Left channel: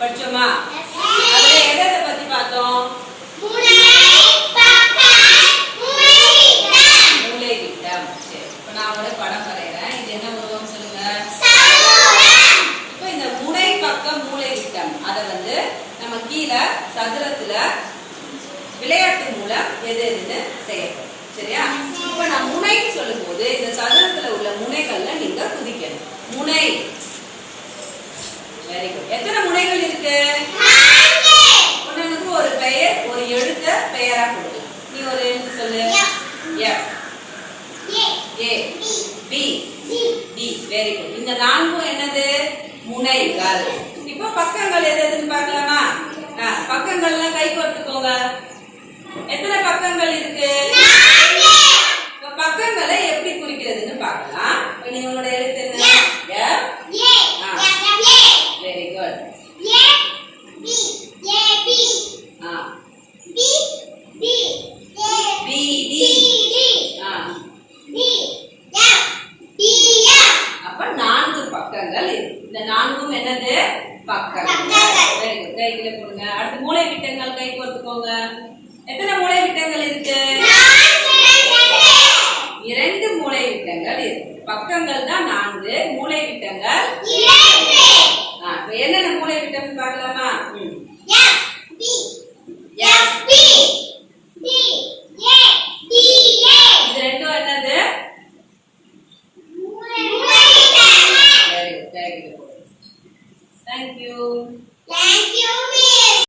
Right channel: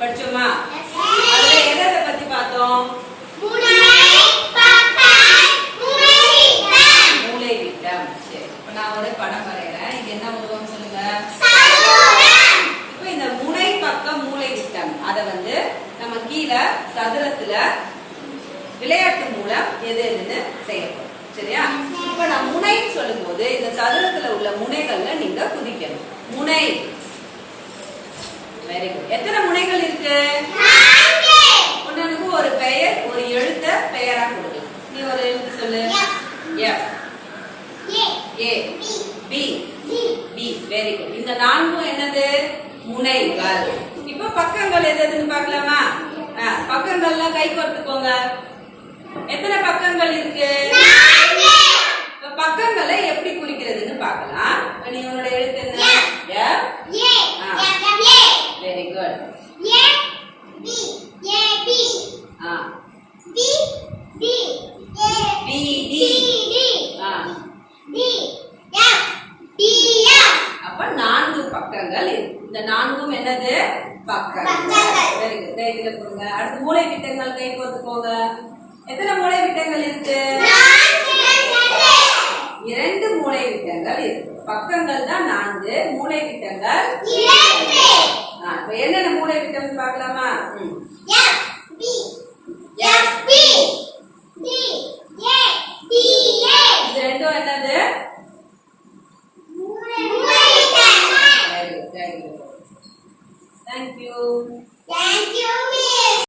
படிச்சோமா? அதுல பத்தி பார்த்தோம்? மூளை விட்டம் சரி நான் ஒரு படம் வரைகிறேன். இது என்ன உருவம் சொல்லுங்க? இந்த முனை பக்க மூளை விட்டம் அதை வந்து நம்ம கீழே சதுரத்துல விளையாட்டு மூலம் எது எதுன்னு செய்யப்படும். சரியா? இப்ப நான் முனை சொல்லும் போது இந்த சதுரத்துல உள்ள முனைகள்ல நீங்க குதிக்கணும். முனை. வெரி குட் எத்தனை முனைகள் இருக்கு. ஒன்னொன்னுக்கு ஒரு பெயர் ஒரு எழுத்த பெயரா கொடுக்கலாம் நீ ஒரு எழுத்து சொல்லு. F A B D very good இந்த நான்கும் என்னது? முனைகள். இப்போ பக்கங்கள் எது எதுன்னு பார்க்கலாமா? பக்கங்கள்லாம் கை கோர்த்துக்கோங்க எத்தனை பக்கங்கள் இருக்கு? இப்ப பக்கங்களை எப்படி குறிக்கிறதுன்னு பார்க்கலாம். இப்ப நீ உன்னோட எழுத்து என்ன எஃப் வெரி குட் ஆ பி டி ஆ அப்ப நான்கு பக்கங்கள் இந்த நான்கும் என்னது? பக்கங்கள். வெரி குட் கொடுங்க அடுத்து மூளை விட்டங்கள் கை கோர்த்துக்கோங்க. எத்தனை மூளை விட்டங்கள் இருக்கு இரண்டு. மூளை விட்டங்கள் இருக்கு பக்கங்கள் தான் நான்கு மூளை விட்டங்கள் என்னென்ன மூளை விட்டம் பார்க்கலாமா. Thank you. Thank you, Miss.